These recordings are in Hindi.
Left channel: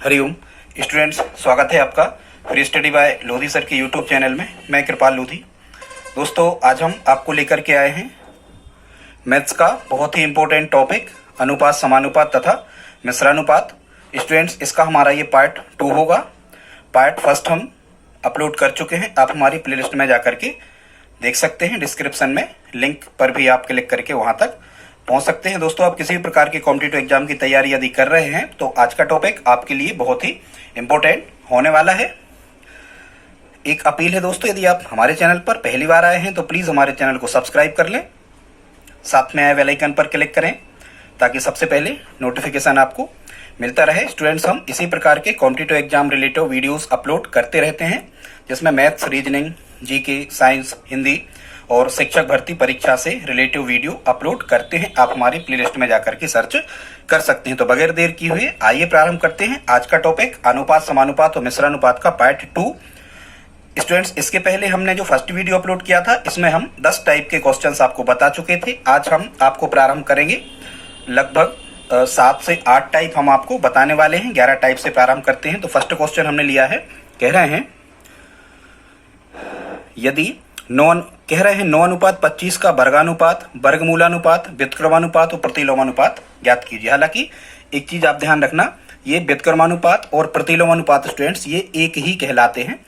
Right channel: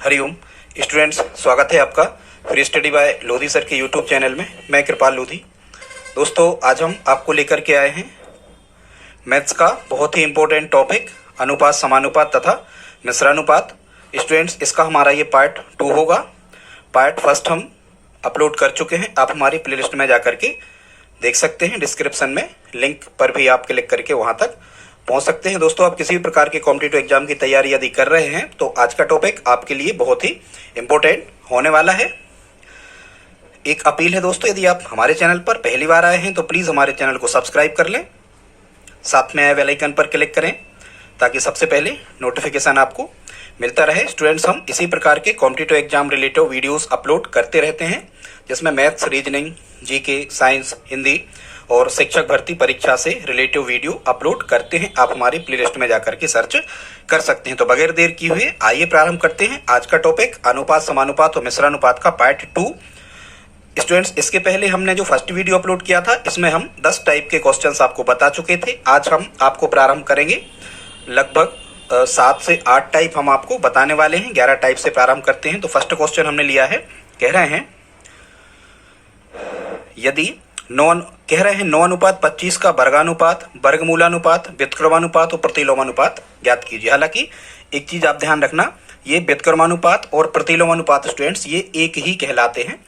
हरिओम स्टूडेंट्स, स्वागत है आपका free study bye Lodhi sir के यूट्यूब चैनल में। मैं कृपाल लोधी। दोस्तों, आज हम आपको लेकर के आए हैं मैथ्स का बहुत ही इंपॉर्टेंट टॉपिक अनुपात, समानुपात तथा मिश्रानुपात। स्टूडेंट्स, इसका हमारा ये पार्ट 2 होगा। पार्ट फर्स्ट हम अपलोड कर चुके हैं, आप हमारी प्लेलिस्ट में जाकर के देख सकते हैं। डिस्क्रिप्शन में लिंक पर भी आप क्लिक करके वहां तक पहुंच सकते हैं। दोस्तों, आप किसी भी प्रकार के कॉम्पिटिटिव एग्जाम की तैयारी यदि कर रहे हैं तो आज का टॉपिक आपके लिए बहुत ही इंपॉर्टेंट होने वाला है। एक अपील है दोस्तों, यदि आप हमारे चैनल पर पहली बार आए हैं तो प्लीज हमारे चैनल को सब्सक्राइब कर लें, साथ में बेल आइकन पर क्लिक करें ताकि सबसे पहले नोटिफिकेशन आपको मिलता रहे। स्टूडेंट्स, हम इसी प्रकार के competitive exam related videos upload करते रहते हैं, जिसमें maths, reasoning, GK, science, Hindi और शिक्षक भर्ती परीक्षा से रिलेटिव वीडियो अपलोड करते हैं। आप हमारी प्लेलिस्ट में जाकर के सर्च कर सकते हैं। तो बगैर देर किए हुए आइए प्रारंभ करते हैं आज का टॉपिक अनुपात, समानुपात और मिश्रानुपात का पार्ट 2। स्टूडेंट्स, इसके पहले हमने जो फर्स्ट वीडियो अपलोड किया था इसमें हम 10 टाइप के क्वेश्चंस आपको बता चुके थे। आज हम आपको प्रारंभ करेंगे लगभग 7 से 8 टाइप हम आपको बताने वाले हैं। 11 टाइप से प्रारंभ करते हैं। तो फर्स्ट क्वेश्चन हमने लिया है, कह रहे हैं यदि कह रहे हैं 9:25 का वर्गानुपात, वर्गमूलानुपात, व्युत्क्रमानुपात और प्रतिलोमानुपात ज्ञात कीजिए। हालांकि एक चीज आप ध्यान रखना, ये व्युत्क्रमानुपात और प्रतिलोमानुपात स्टूडेंट्स ये एक ही कहलाते हैं,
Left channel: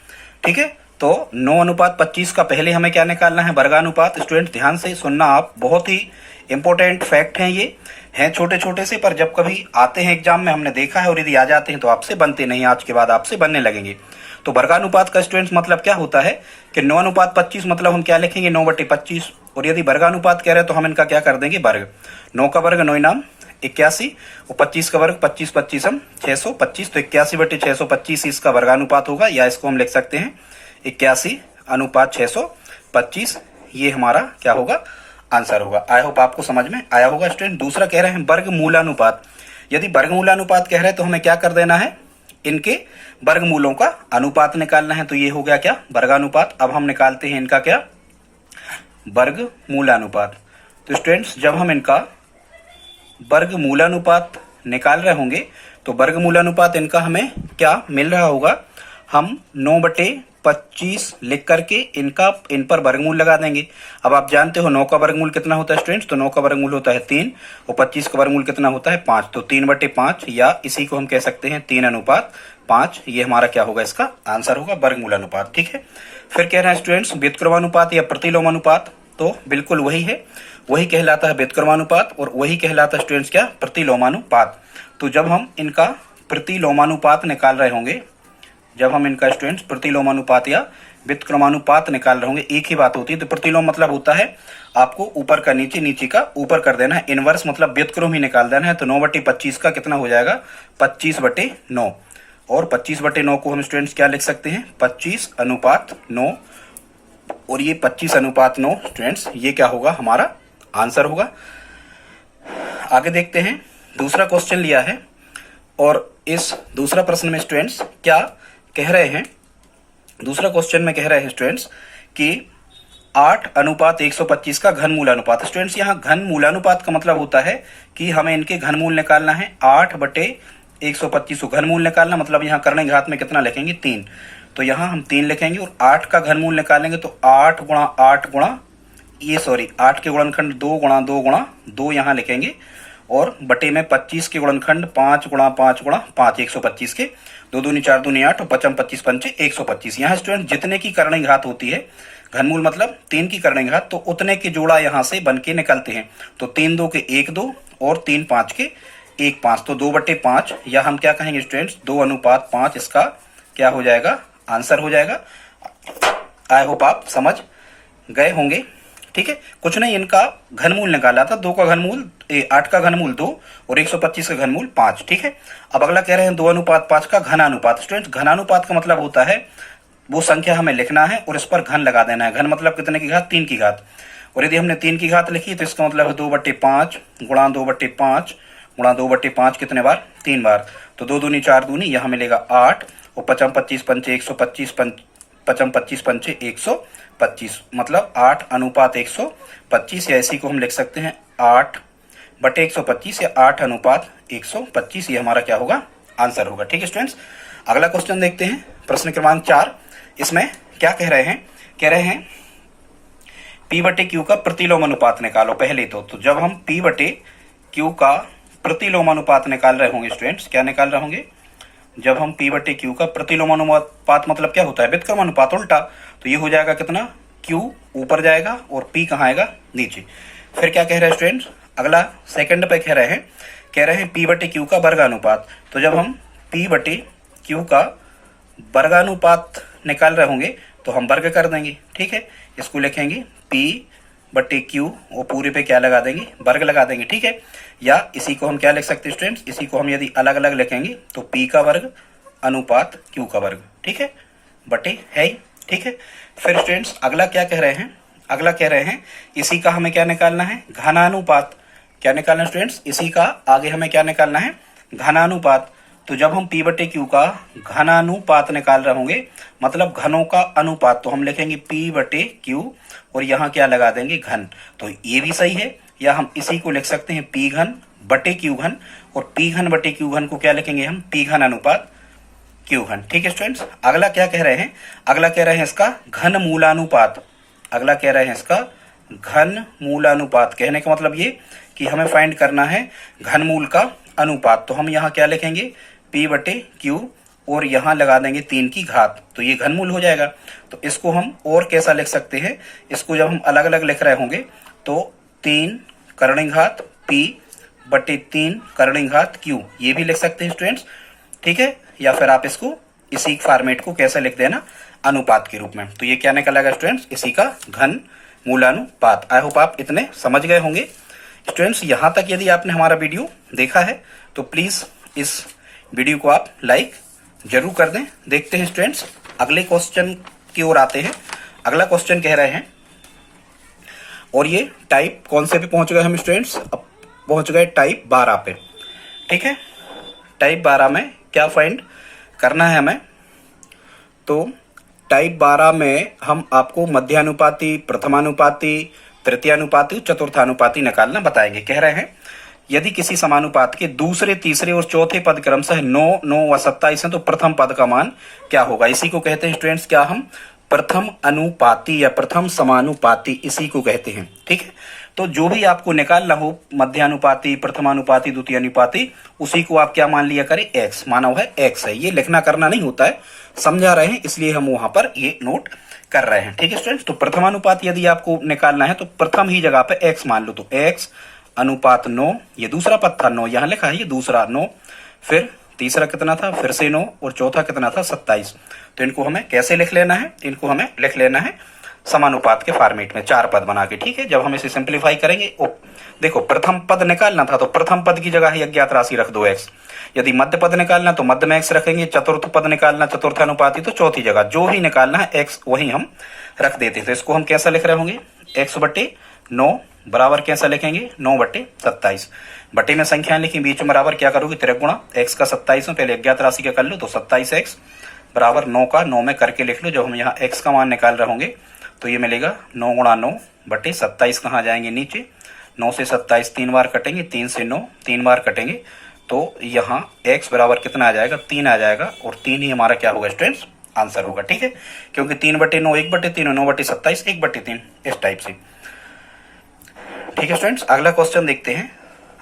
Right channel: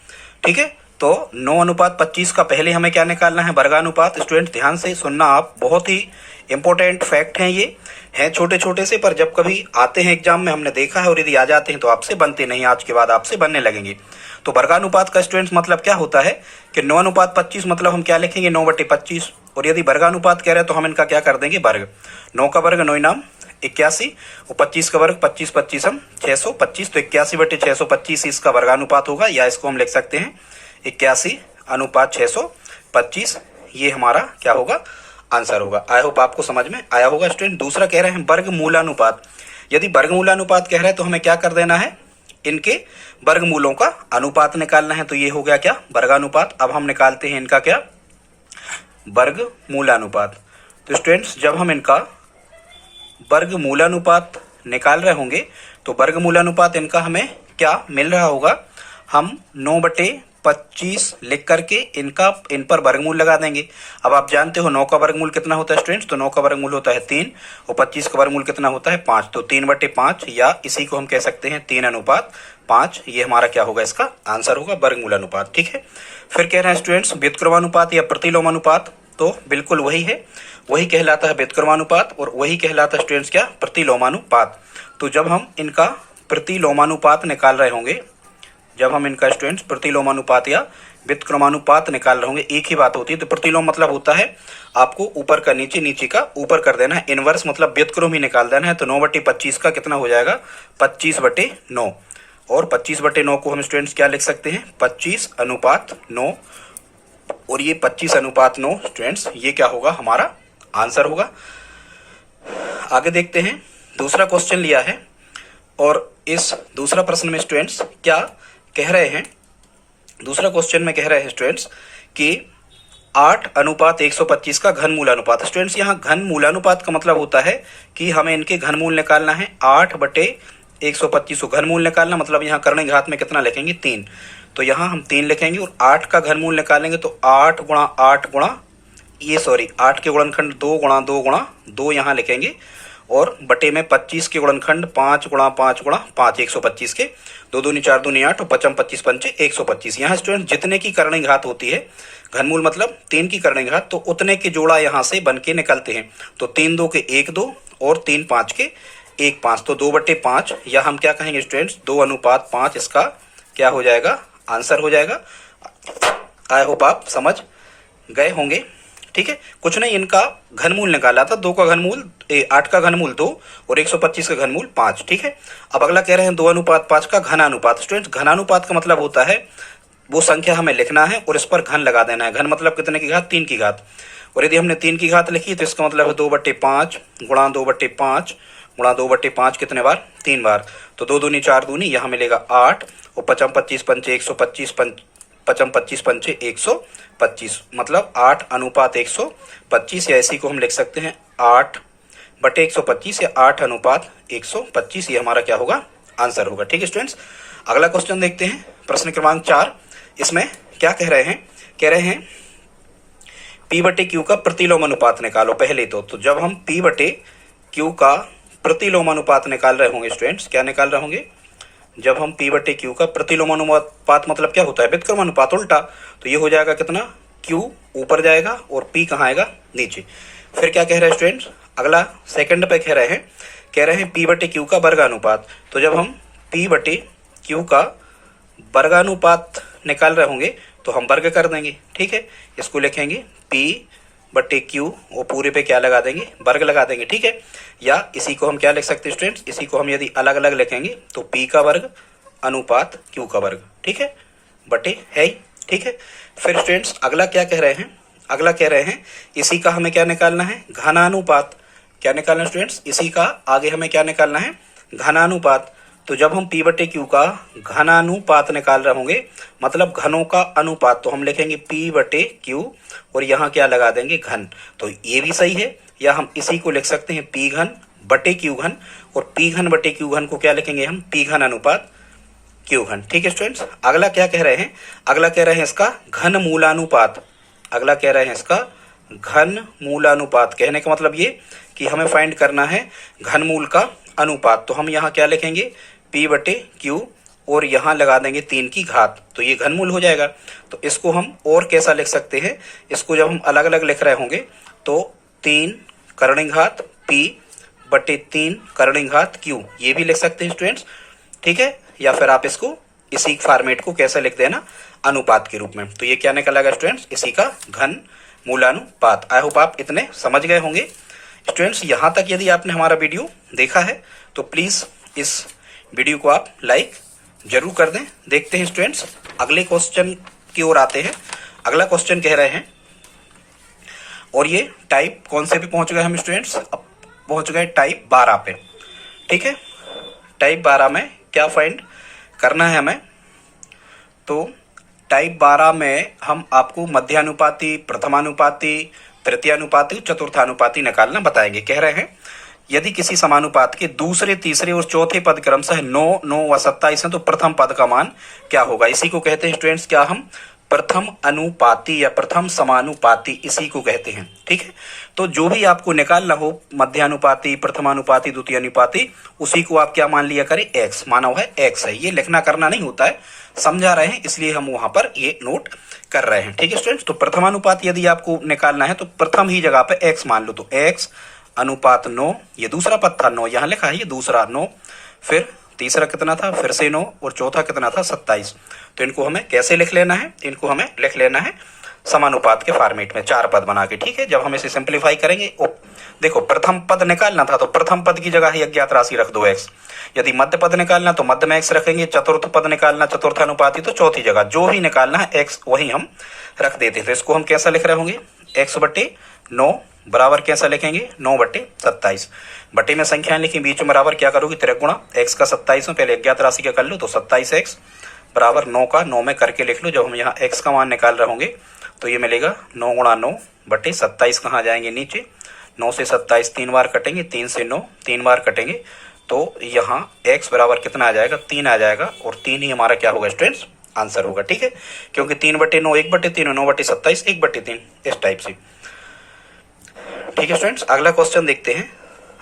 ठीक है। तो 9:25 का पहले हमें क्या निकालना है, वर्गानुपात। स्टूडेंट ध्यान से सुनना आप, बहुत ही इंपॉर्टेंट फैक्ट है ये। हैं छोटे छोटे से, पर जब कभी आते हैं एग्जाम में हमने देखा है, और यदि आ जाते हैं तो आपसे बनते नहीं, आज के बाद आपसे बनने लगेंगे। तो वर्गानुपात का स्टूडेंट्स मतलब क्या होता है कि 9:25 मतलब हम क्या लिखेंगे, 9/25। और यदि वर्गानुपात कह रहे हैं तो हम इनका क्या कर देंगे, वर्ग। 9 का वर्ग 9 नाम 81 और 25 का वर्ग 25 25 हम 625। तो 81/625 इसका वर्गानुपात होगा, या इसको हम लिख सकते हैं 81:625। ये हमारा क्या होगा, आंसर होगा। आई होप आपको समझ में आया होगा स्टूडेंट। दूसरा कह रहे हैं वर्गमूलानुपात। यदि वर्गमूलानुपात कह रहे हैं तो हमें क्या कर देना है, इनके वर्गमूलों का अनुपात निकालना है। तो ये हो गया क्या, वर्गानुपात। अब हम निकालते हैं इनका क्या, वर्गमूलानुपात। तो स्टूडेंट्स, जब हम इनका वर्गमूलानुपात निकाल रहे होंगे तो वर्गमूलानुपात इनका हमें क्या मिल रहा होगा, हम 9/25 लिख करके इन पर वर्गमूल लगा देंगे। अब आप जानते हो 9 का वर्गमूल कितना होता है स्टूडेंट्स, तो 9 का वर्गमूल होता है 3 और 25 का वर्गमूल कितना होता है 5। तो 3/5, या इसी को हम कह सकते हैं 3:5। ये हमारा क्या होगा, इसका आंसर होगा वर्गमूलानुपात, ठीक है। फिर कह रहे हैं स्टूडेंट्स व्युत्क्रमानुपात या प्रतिलोमानुपात। तो बिल्कुल वही है, वही कहलाता है व्युत्क्रमानुपात और वही कहलाता है स्टूडेंट्स क्या, प्रतिलोमानुपात। तो जब हम इनका प्रतिलोमानुपात निकाल रहे होंगे, जब हम इनका स्टूडेंट्स प्रतिलोमानुपात या व्युत्क्रमानुपात निकाल रहे होंगे, एक ही बात होती है। तो प्रतिलोम मतलब होता है आपको ऊपर का नीचे, नीचे का ऊपर कर देना है। इनवर्स मतलब व्युत्क्रम ही निकाल देना है। तो 9/25 का कितना हो जाएगा, 25/9। और 25/9 को हम स्टूडेंट्स क्या लिख सकते हैं, 25:9। और ये 25:9 स्टूडेंट्स ये क्या होगा, हमारा आंसर होगा। आगे देखते हैं, दूसरा क्वेश्चन लिया है और इस दूसरा प्रश्न में स्टूडेंट्स क्या कह रहे हैं, दूसरा क्वेश्चन में कह रहे हैं स्टूडेंट्स कि 8:125 का घनमूल अनुपात। स्टूडेंट्स, यहाँ घनमूलानुपात का मतलब होता है कि हमें इनके घनमूल निकालना है। 8/125 को घनमूल निकालना मतलब यहाँ करने घात में कितना लिखेंगे, 3। तो यहाँ हम 3 लिखेंगे और 8 का घनमूल निकालेंगे तो 8 के गुणनखंड 2 × 2 × 2 यहाँ लिखेंगे, और बटे में 25 के गुणनखंड 5 × 5 × 5, 125 के 2 दूनी 4 दूनी 8 और 55 25 पंचे 125। यहाँ स्टूडेंट जितने की करनी घात होती है, घनमूल मतलब 3 की करनी घात, तो उतने के जोड़ा यहाँ से बन के निकलते हैं। तो 3 2 के 1 2 और 3 5 के 1 5, तो 2/5, या हम क्या कहेंगे स्टूडेंट्स 2:5, इसका क्या हो जाएगा, आंसर हो जाएगा। आई होप आप समझ गए होंगे, ठीक है। कुछ नहीं, इनका घनमूल निकाला था, 2 का घनमूल 8 का घनमूल 2 और 125 का घनमूल 5, ठीक है। अब अगला कह रहे हैं 2:5 का घनानुपात। स्टूडेंट्स, घनानुपात का मतलब होता है वो संख्या हमें लिखना है और इस पर घन लगा देना है। घन मतलब कितने की घात, 3 की घात। और यदि हमने 3 की घात लिखी तो इसका मतलब है 2/5 गुणा 2/5 गुणा 2/5 कितने बार, 3 बार। तो 2 दूनी 4 दूनी, यहाँ मिलेगा 8 और 55 25 पंचे 125, 55 25 पंचे 125, मतलब 8:125, या इसी को हम लिख सकते हैं 8/125 या 8:125। ये हमारा क्या होगा, आंसर होगा। ठीक है स्टूडेंट्स, अगला क्वेश्चन देखते हैं, प्रश्न क्रमांक 4। इसमें क्या कह रहे हैं, कह रहे हैं P बटे Q का प्रतिलोम अनुपात निकालो। पहले तो जब हम P बटे Q का प्रतिलोम अनुपात निकाल रहे होंगे स्टूडेंट्स, क्या निकाल रहे होंगे, जब हम P बटे Q का प्रतिलोम अनुपात मतलब क्या होता है, व्युत्क्रम अनुपात उल्टा, तो ये हो जाएगा कितना, Q ऊपर जाएगा और P कहाँ आएगा, नीचे। फिर क्या कह रहे हैं स्टूडेंट्स, अगला सेकंड पे कह रहे हैं P बटे Q का वर्गानुपात। तो जब हम P बटे Q का वर्गानुपात निकाल रहे होंगे तो हम वर्ग कर देंगे। ठीक है, इसको लिखेंगे P बटे Q और पूरे पे क्या लगा देंगे, वर्ग लगा देंगे। ठीक है, या इसी को हम क्या लिख सकते हैं स्टूडेंट्स, इसी को हम यदि अलग अलग लिखेंगे तो P का वर्ग अनुपात Q का वर्ग, ठीक है, बटे है ही। ठीक है, फिर स्टूडेंट्स अगला क्या कह रहे हैं, अगला कह रहे हैं इसी का हमें क्या निकालना है, घनानुपात। क्या निकालना है स्टूडेंट्स, इसी का आगे हमें क्या निकालना है, घनानुपात। तो जब हम P बटे Q का घनानुपात निकाल रहे होंगे, मतलब घनों का अनुपात, तो हम लिखेंगे P बटे Q और यहाँ क्या लगा देंगे, घन। तो ये भी सही है, या हम इसी को लिख सकते हैं P घन बटे Q घन, और P घन बटे Q घन को क्या लिखेंगे हम, P घन अनुपात Q घन। ठीक है स्टूडेंट्स, अगला क्या कह रहे हैं, अगला कह रहे हैं इसका घन मूलानुपात। अगला कह रहे हैं इसका घन मूलानुपात। कहने का मतलब ये कि हमें फाइंड करना है घनमूल का अनुपात। तो हम यहाँ क्या लिखेंगे, P बटे Q और यहाँ लगा देंगे 3 की घात, तो ये घनमूल हो जाएगा। तो इसको हम और कैसा लिख सकते हैं, इसको जब हम अलग अलग लिख रहे होंगे तो 3 कर्णिघात P बटे 3 कर्णिघात Q, ये भी लिख सकते हैं स्टूडेंट्स। ठीक है, या फिर आप इसको इसी फॉर्मेट को कैसे लिख देना, अनुपात के रूप में। तो ये क्या निकलेगा स्टूडेंट्स, इसी का घन मूलानुपात। आई होप आप इतने समझ गए होंगे स्टूडेंट्स। यहाँ तक यदि आपने हमारा वीडियो देखा है तो प्लीज इस वीडियो को आप लाइक जरूर कर दें। देखते हैं स्टूडेंट्स अगले क्वेश्चन की ओर आते हैं। अगला क्वेश्चन कह रहे हैं, और ये टाइप कौन से पे पहुंच गए हम स्टूडेंट्स, अब पहुंच गए टाइप 12 पे। ठीक है, टाइप 12 में क्या फाइंड करना है हमें, तो टाइप 12 में हम आपको मध्यानुपाती, प्रथमानुपाती, तृतीयानुपाती, चतुर्थानुपाती निकालना बताएंगे। कह रहे हैं यदि किसी समानुपात के दूसरे, तीसरे और चौथे पद क्रमशः 9, 9 व 27 है तो प्रथम पद का मान क्या होगा। इसी को कहते हैं स्टूडेंट्स क्या, हम प्रथम अनुपाती या प्रथम समानुपाती, इसी को कहते हैं। ठीक है, तो जो भी आपको निकालना हो, मध्यानुपाती, प्रथमानुपाती, द्वितीय अनुपाती, उसी को आप क्या मान लिया करें, x माना हुआ है, x है। ये लिखना करना नहीं होता है, समझा रहे हैं, इसलिए हम वहां पर ये नोट कर रहे हैं। ठीक है स्टूडेंट्स, तो प्रथमानुपात यदि आपको निकालना है तो प्रथम ही जगह पे x मान लो, तो x अनुपात 9, ये दूसरा पद था 9, यहाँ लिखा है ये दूसरा 9, फिर तीसरा कितना था, फिर से 9, और चौथा कितना था, 27। तो इनको हमें कैसे लिख लेना है, इनको हमें लिख लेना है समानुपात के फॉर्मेट में, 4 पद बना के। ठीक है, जब हम इसे सिंप्लीफाई करेंगे, देखो प्रथम पद निकालना था तो प्रथम पद की जगह ही अज्ञात राशि रख दो x। यदि मध्य पद निकालना तो मध्य में x रखेंगे, चतुर्थ पद निकालना, चतुर्थानुपाती, तो चौथी जगह जो ही निकालना है x वही हम रख देते हैं। तो इसको हम कैसा लिख रहे होंगे, x बटे 9 बराबर कैसा लिखेंगे, 9 बटे 27। बटे में संख्या लिखी, बीच में बराबर क्या करोगे, त्रिगुणा x का 27 में पहले अज्ञात राशि का कर लो, तो 27x बराबर 9 का 9 में करके लिख लो। जब हम यहाँ x का मान निकाल रहे होंगे तो ये मिलेगा 9 गुणा 9 बटे 27, कहाँ जाएंगे नीचे, 9 से 27 3 बार कटेंगे, 3 से 9 3 बार कटेंगे, तो यहाँ x बराबर कितना आ जाएगा, 3 आ जाएगा, और 3 ही हमारा क्या होगा स्टूडेंट्स, आंसर होगा। ठीक है, क्योंकि 3 बटे 9 1 बटे 3, 9 बटे 27 1 बटे 3, इस टाइप से। ठीक है स्टूडेंट्स, अगला क्वेश्चन देखते हैं।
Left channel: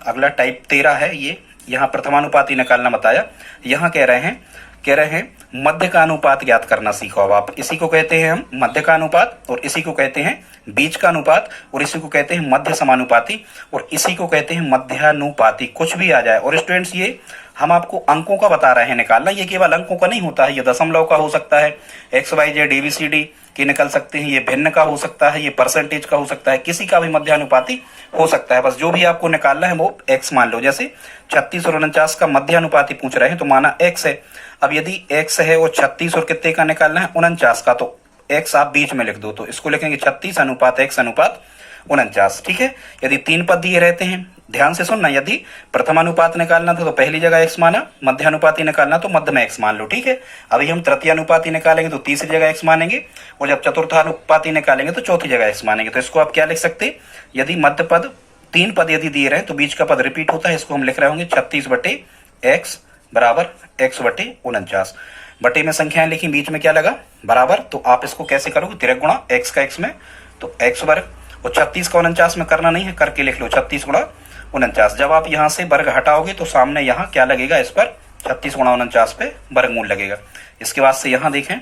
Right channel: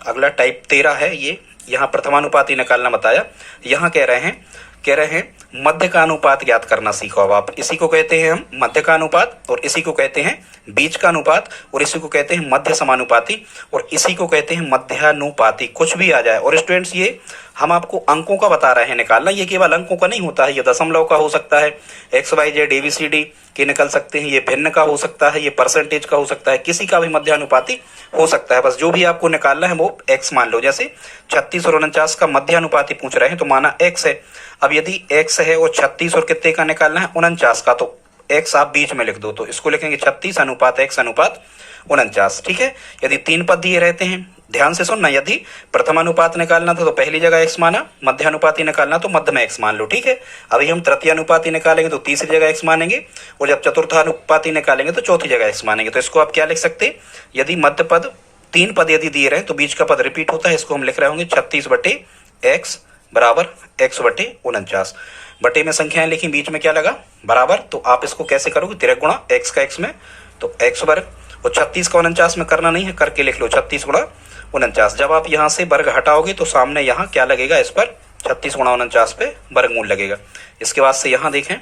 अगला टाइप 13 है, ये यहाँ प्रथमानुपाती निकालना बताया। यहाँ कह रहे हैं मध्य का अनुपात ज्ञात करना सीखो। अब आप इसी को कहते हैं हम मध्य का अनुपात, और इसी को कहते हैं बीच का अनुपात, और इसी को कहते हैं मध्य समानुपाती, और इसी को कहते हैं मध्यानुपाती। कुछ भी आ जाए, और स्टूडेंट्स ये हम आपको अंकों का बता रहे हैं निकालना, ये केवल अंकों का नहीं होता है, ये दशमलव का हो सकता है, XYZ ABCD के निकल सकते हैं, ये भिन्न का हो सकता है, ये परसेंटेज का हो सकता है, किसी का भी मध्यानुपाती हो सकता है। बस जो भी आपको निकालना है वो x मान लो। जैसे 36 और 49 का मध्यानुपाती पूछ रहे हैं तो माना x है। अब यदि x है और 36 और कितने का निकालना है, 49 का, तो x आप बीच में लिख दो, तो इसको लिखेंगे 36 अनुपात x अनुपात 49। ठीक है, यदि 3 पद दिए रहते हैं, ध्यान से सुनना, यदि प्रथमानुपात निकालना था तो पहली जगह x माना, मध्यानुपाती निकालना तो मध्य में x मान लो। ठीक है, अभी हम तृतीयानुपाती निकालेंगे तो तीसरी जगह x मानेंगे, और जब चतुर्थानुपाती निकालेंगे तो चौथी जगह x मानेंगे। तो इसको आप क्या लिख सकते, यदि मध्य पद 3 पद यदि दिए रहे तो बीच का पद रिपीट होता है, इसको हम लिख रहे होंगे 36 बटे x बराबर x बटे 49। बटे में संख्याएं लिखी, बीच में क्या लगा बराबर, तो आप इसको कैसे करोगे, तिरक गुणा x का x में तो x वर्ग, और 36 का 49 में करना नहीं है, करके लिख लो 36 गुणा 49। जब आप यहाँ से वर्ग हटाओगे तो सामने यहाँ क्या लगेगा, इस पर 36 गुणा 49 पे वर्गमूल लगेगा। इसके बाद से यहाँ देखें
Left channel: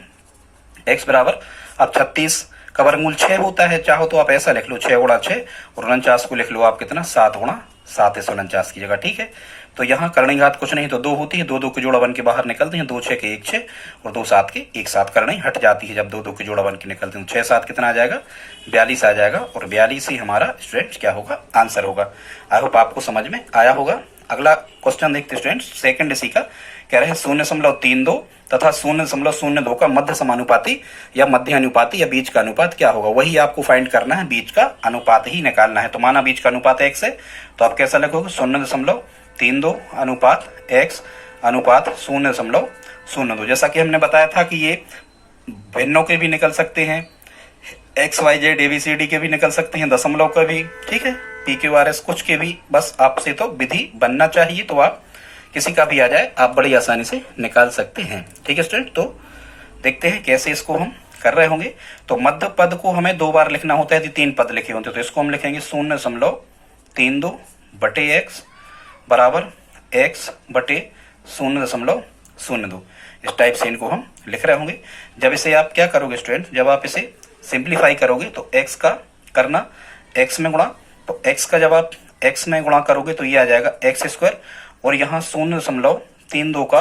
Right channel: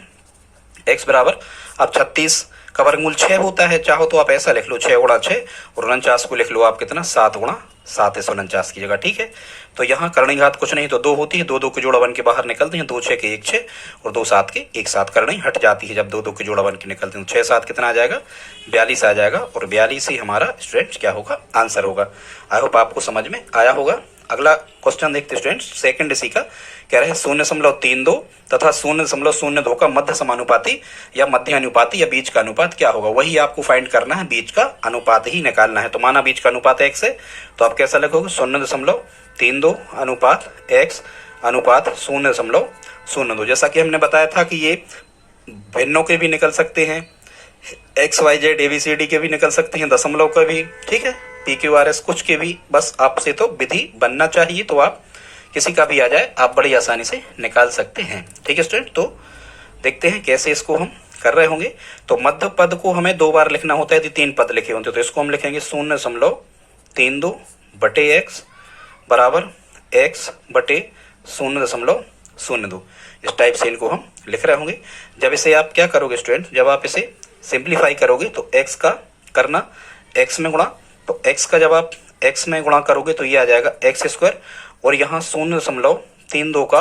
x बराबर, अब 36 का वर्गमूल 6 होता है, चाहो तो आप ऐसा लिख लो 6 गुणा 6, और 49 को लिख लो आप कितना 7 गुणा 7 इस 49 की जगह, ठीक है। तो यहाँ करणी घात कुछ नहीं तो 2 होती है, 2 2 के जोड़ा बन के बाहर निकलते हैं, 2 6 के 1 6 और 2 7 के 1 7, करणी हट जाती है जब 2 2 के जोड़ा बन के निकलते हैं। 6 7 कितना आ जाएगा 42 आ जाएगा, और 42 ही हमारा स्टूडेंट्स क्या होगा, आंसर होगा। आई होप आपको समझ में आया होगा। अगला क्वेश्चन देखते स्टूडेंट्स, सेकंड इसी का कह रहे हैं 0.32 तथा 0.02 का मध्य समानुपाती या मध्य अनुपाती या बीच का अनुपात क्या होगा। वही आपको फाइंड करना है, बीच का अनुपात ही निकालना है। तो माना बीच का अनुपात x है, तो आप कैसा लिखोगे 0.32 अनुपात x अनुपात 0.02। जैसा कि हमने बताया था कि ये भिन्नों के भी निकल सकते हैं, एक्स वाई जेड एबीसीडी के भी निकल सकते हैं, दशमलव के भी, ठीक है, PQRS कुछ के भी, बस आपसे तो विधि बनना चाहिए, तो आप किसी का भी आ जाए आप बड़ी आसानी से निकाल सकते हैं, ठीक है स्टूडेंट। तो देखते हैं कैसे इसको हम कर रहे होंगे। तो मध्य पद को हमें 2 बार लिखना होता है, यदि 3 पद लिखे होते तो इसको हम लिखेंगे 0.32 बटे x बराबर x बटे 0.02। इस टाइप से इनको हम लिख रहे होंगे। जब इसे आप क्या करोगे स्टूडेंट, जब आप इसे सिंप्लीफाई करोगे तो x का करना x में गुणा, तो x का जब आप x में गुणा करोगे तो ये आ जाएगा x स्क्वायर, और यहाँ 0.32 का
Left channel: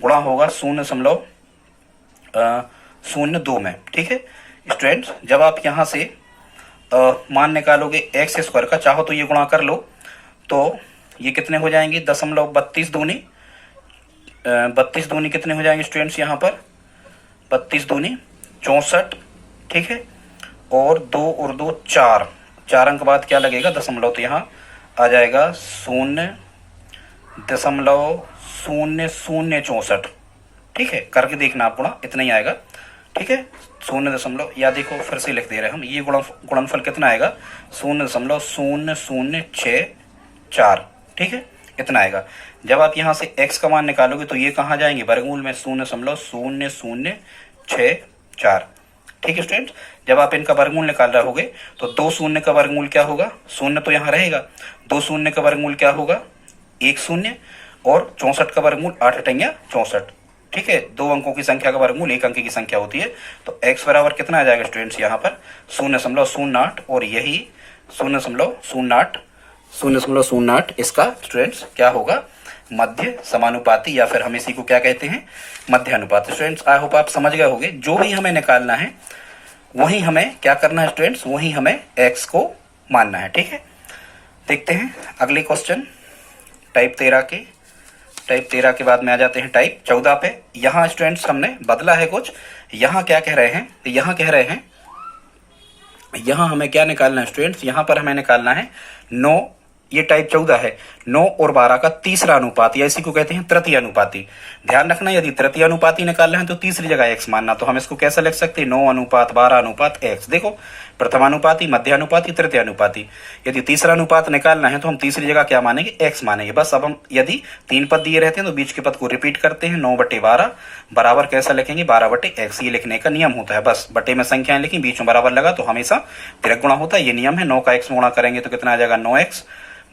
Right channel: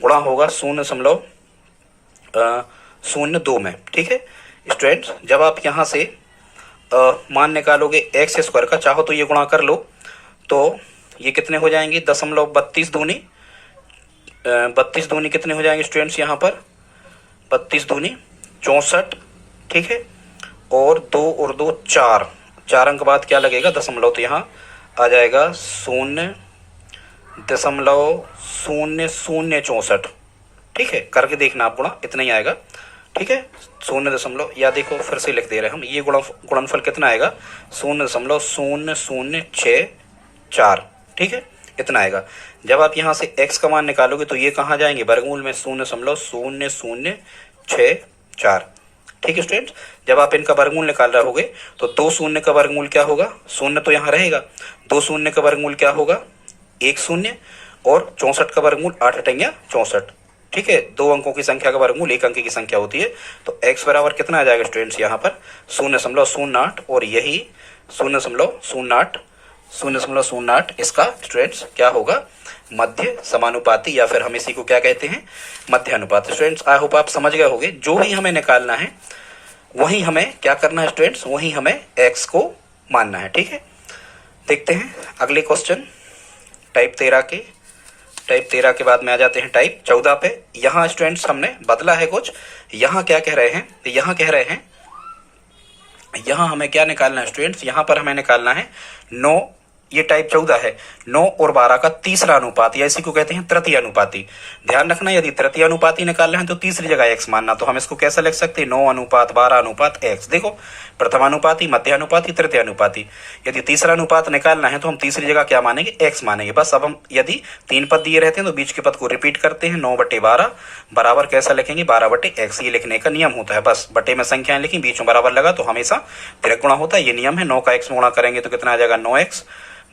गुणा होगा 0.02 में, ठीक है स्टूडेंट्स। जब आप यहाँ से मान निकालोगे x स्क्वायर का, चाहो तो ये गुणा कर लो, तो ये कितने हो जाएंगे 32 दूनी 32 दूनी कितने हो जाएंगे स्टूडेंट्स, यहाँ पर 32 दूनी 64, ठीक है, और 2 और 2 4, 4 अंक बाद क्या लगेगा दशमलव, तो यहाँ आ जाएगा 0.0064, ठीक है, करके देखना आप गुणा, इतना ही आएगा, ठीक है। 0. या देखो फिर से लिख दे रहे हैं हम, ये गुणनफल कितना आएगा 0.0064, ठीक है, इतना आएगा। जब आप यहाँ से x का मान निकालोगे तो ये कहाँ जाएंगे वर्गमूल में 0.0064, ठीक है स्टूडेंट। जब आप इनका वर्गमूल निकाल रहे होगे तो 2 शून्य का वर्गमूल क्या होगा, शून्य तो यहाँ रहेगा, 2 शून्य का वर्गमूल क्या होगा 1 शून्य, और 64 का वर्गमूल 8 अठैया 64, ठीक है। 2 अंकों की संख्या का वर्गमूल 1 अंक की संख्या होती है, तो x बराबर कितना आ जाएगा स्टूडेंट्स यहाँ पर 0.08, और यही 0.08 इसका स्टूडेंट्स क्या होगा मध्य समानुपाती, या फिर हम इसी को क्या कहते हैं मध्य अनुपात। स्टूडेंट्स आई होप आप समझ गए होंगे, जो भी हमें निकालना है वही हमें क्या करना है स्टूडेंट्स, वही हमें x को मानना है, ठीक है। देखते हैं अगले क्वेश्चन टाइप 13 के बाद में आ जाते हैं टाइप 14 पे। यहाँ स्टूडेंट्स हमने बदला है कुछ, यहाँ क्या कह रहे हैं, यहाँ कह रहे हैं यहाँ हमें क्या निकालना है स्टूडेंट्स, यहाँ पर हमें निकालना है 9, ये टाइप 14 है, 9 और 12 का तीसरा अनुपात, या इसी को कहते हैं तृतीय अनुपाती। ध्यान रखना यदि तृतीय अनुपाती निकालना है तो तीसरी जगह x मानना, तो हम इसको कैसे लिख सकते हैं 9 अनुपात 12 अनुपात x। देखो प्रथमानुपाती, मध्य अनुपाती, तृतीय अनुपाती। यदि तीसरा अनुपात निकालना है तो हम तीसरी जगह क्या मानेंगे x मानेंगे। बस अब हम यदि 3 पद दिए रहते हैं तो बीच के पद को रिपीट करते हैं, 9/12 बराबर कैसा लिखेंगे 12/x, ये लिखने का नियम होता है। बस बटे में संख्याएं लिखी, बीच में बराबर लगा तो हमेशा तिरक गुणा होता है, ये नियम है। 9 का x में गुणा करेंगे तो कितना आ जाएगा 9x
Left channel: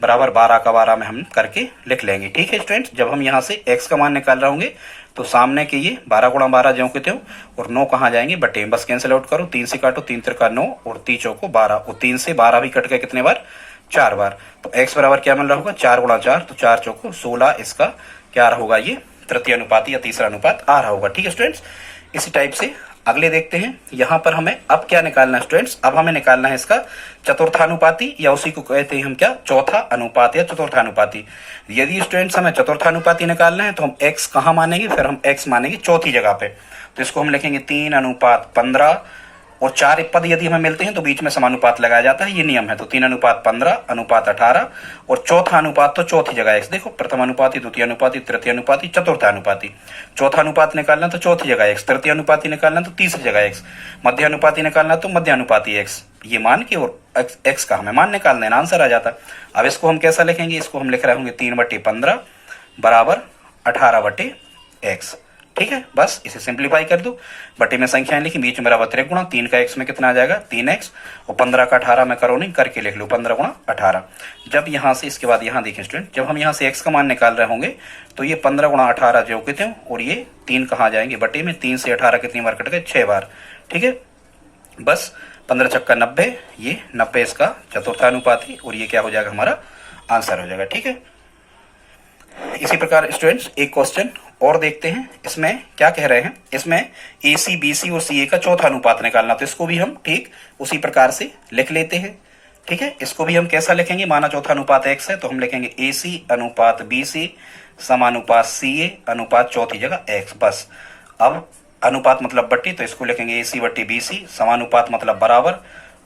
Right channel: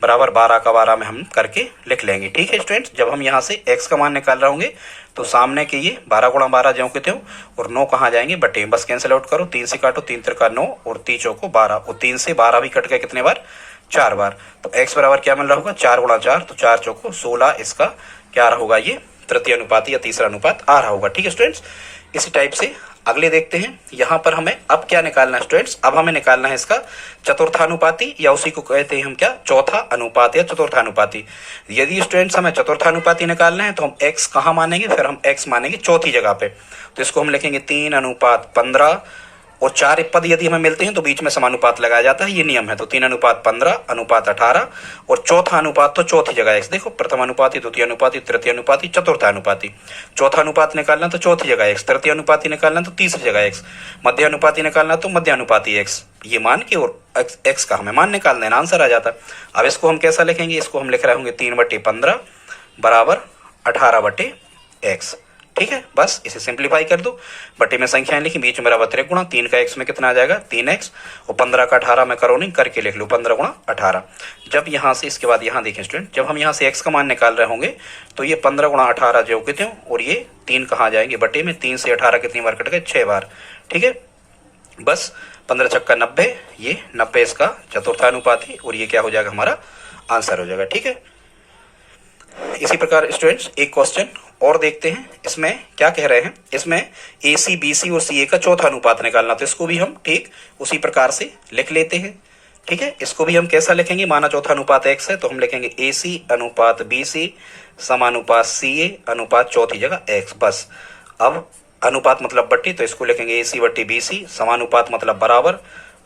बराबर 12 का 12 में हम करके लिख लेंगे, ठीक है स्टूडेंट्स। जब हम यहाँ से x का मान निकाल रहे होंगे तो सामने के ये 12 गुणा 12 ज्यों के त्यों, और 9 कहाँ जाएंगे बटे, बस कैंसिल आउट करो, 3 से काटो, 3 त्रिका 9 और 3 चौको 12, और 3 से 12 भी कट गए कितने बार 4 बार, तो x बराबर क्या मिल रहा होगा 4 गुणा 4, तो 4 चौको 16, इसका क्या रहा होगा ये तृतीय अनुपात या तीसरा अनुपात आ रहा होगा, ठीक है स्टूडेंट्स। इसी टाइप से अगले देखते हैं। यहाँ पर हमें अब क्या निकालना है स्टूडेंट्स, अब हमें निकालना है इसका चतुर्थानुपाती, या उसी को कहते हैं हम क्या चौथा अनुपात या चतुर्थानुपाती। यदि स्टूडेंट्स हमें चतुर्थानुपाती निकालना है तो हम x कहाँ मानेंगे, फिर हम x मानेंगे चौथी जगह पे, तो इसको हम लिखेंगे 3:15, और 4 पद यदि हमें मिलते हैं तो बीच में समानुपात लगाया जाता है, ये नियम है। तो 3:15:18, और चौथा अनुपात तो चौथी जगह x। देखो प्रथम अनुपाती, द्वितीय अनुपाती, तृतीय अनुपाती, चतुर्थ अनुपाती। चौथा अनुपात निकालना तो चौथी जगह x, तृतीय अनुपाती निकालना तो तीसरी जगह x, मध्य अनुपाती निकालना तो मध्य अनुपाती x, ये मान के और x का हमें मान निकाल देना, आंसर आ जाता। अब इसको हम कैसा लिखेंगे, इसको हम लिख रहे होंगे 3/15 बराबर 18/x। ठीक है, बस इसे सिंप्लीफाई कर दो, बटे में संख्याएं लिखी, बीच में बराबर त्रिगुणा, 3 का x में कितना आ जाएगा 3x, और 15 का 18 में करो नहीं, करके लिख लो 15 गुणा 18। जब यहाँ से इसके बाद यहाँ देखें स्टूडेंट, जब हम यहाँ से x का मान निकाल रहे होंगे तो ये 15 गुणा 18 जो कितने, और ये 3 कहाँ जाएंगे बटे में, 3 से 18 कितनी बार कट गए 6 बार। ठीक है, बस 15 छक्का 90, ये 90 इसका चतुर्थानुपाती, और ये क्या हो जाएगा हमारा आंसर हो जाएगा। ठीक है, इसी प्रकार स्टूडेंट्स एक क्वेश्चन और देखते हैं, इसमें क्या कह रहे हैं, इसमें AC BC और CA का चौथा अनुपात निकालना, तो इसको भी हम ठीक उसी प्रकार से लिख लेते हैं। ठीक है, इसको भी हम कैसा लिखेंगे, माना चौथा अनुपात x है तो हम लिखेंगे AC अनुपात BC समानुपात CA अनुपात चौथी जगह x। बस अब अनुपात मतलब बट्टी, तो इसको लिखेंगे AC बट्टी BC, समानुपात मतलब बराबर,